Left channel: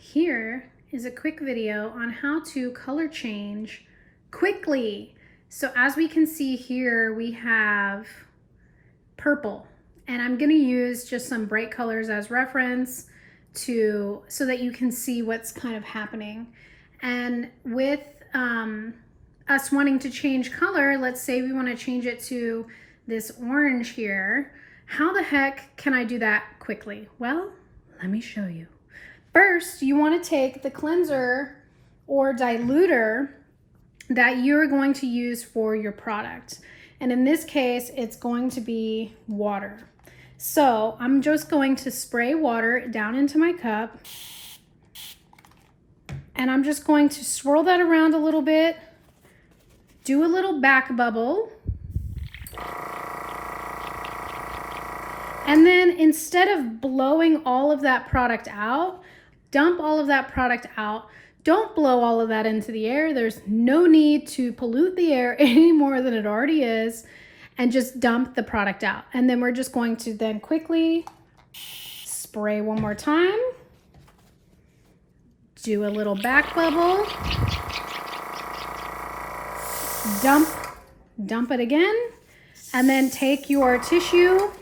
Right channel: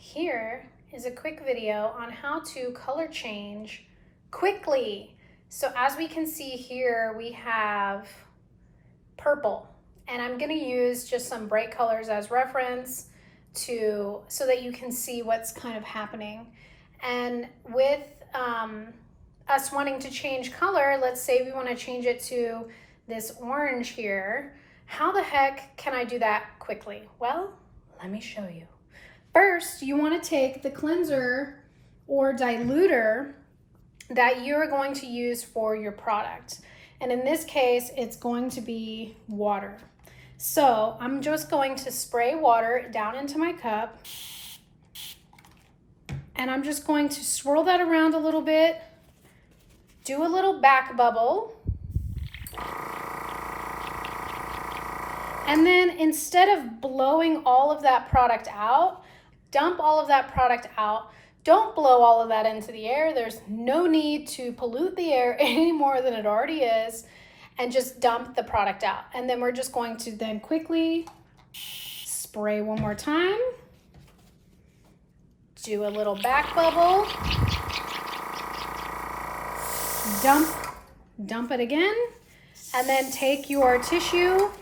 Here is a quick video on how to color change quickly. So as we can see here, we have purple, and I'm gonna use just some bright colors as reference so that you can see what's kind of happening. And with us wanting to change color, let's say we want to change it to this orange here. How the heck can I do that quickly? Well, let me show you. First, you want to take the cleanser or diluter that you're going to use for your product. And in this case, it's going to be water. So I'm just going to spray water down into my cup. And I'm just going to swirl that around a little bit, do a little back bubble. And then instead of blowing all of that product out, dump all of that product out. Don't blow all of that into the air. There's no need to pollute the air any more than it already is, and just dump the product out. And then we're just going to then quickly spray one more time. Do a little back bubble. Dump it again. And then take your tissue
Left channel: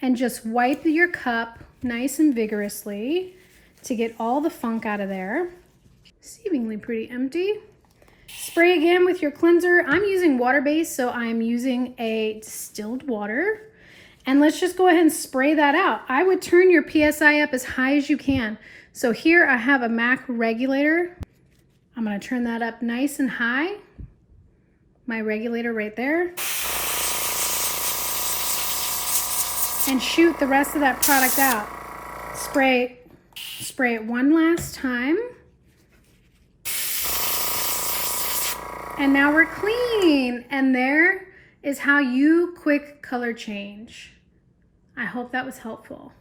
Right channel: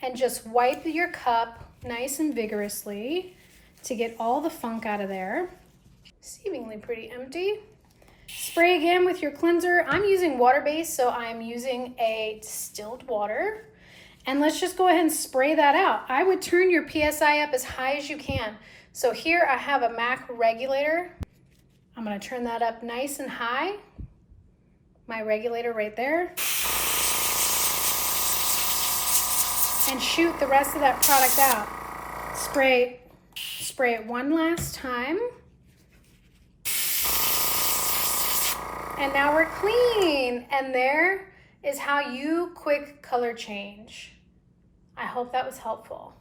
and just wipe your cup nice and vigorously to get all the funk out of there. Seemingly pretty empty. Spray again with your cleanser. I'm using water-based, so I'm using a distilled water. And let's just go ahead and spray that out. I would turn your PSI up as high as you can. So here I have a MAC regulator. I'm gonna turn that up nice and high. My regulator right there. And shoot the rest of that product out. Spray it one last time. And now we're clean. And there is how you quick color change. I hope that was helpful.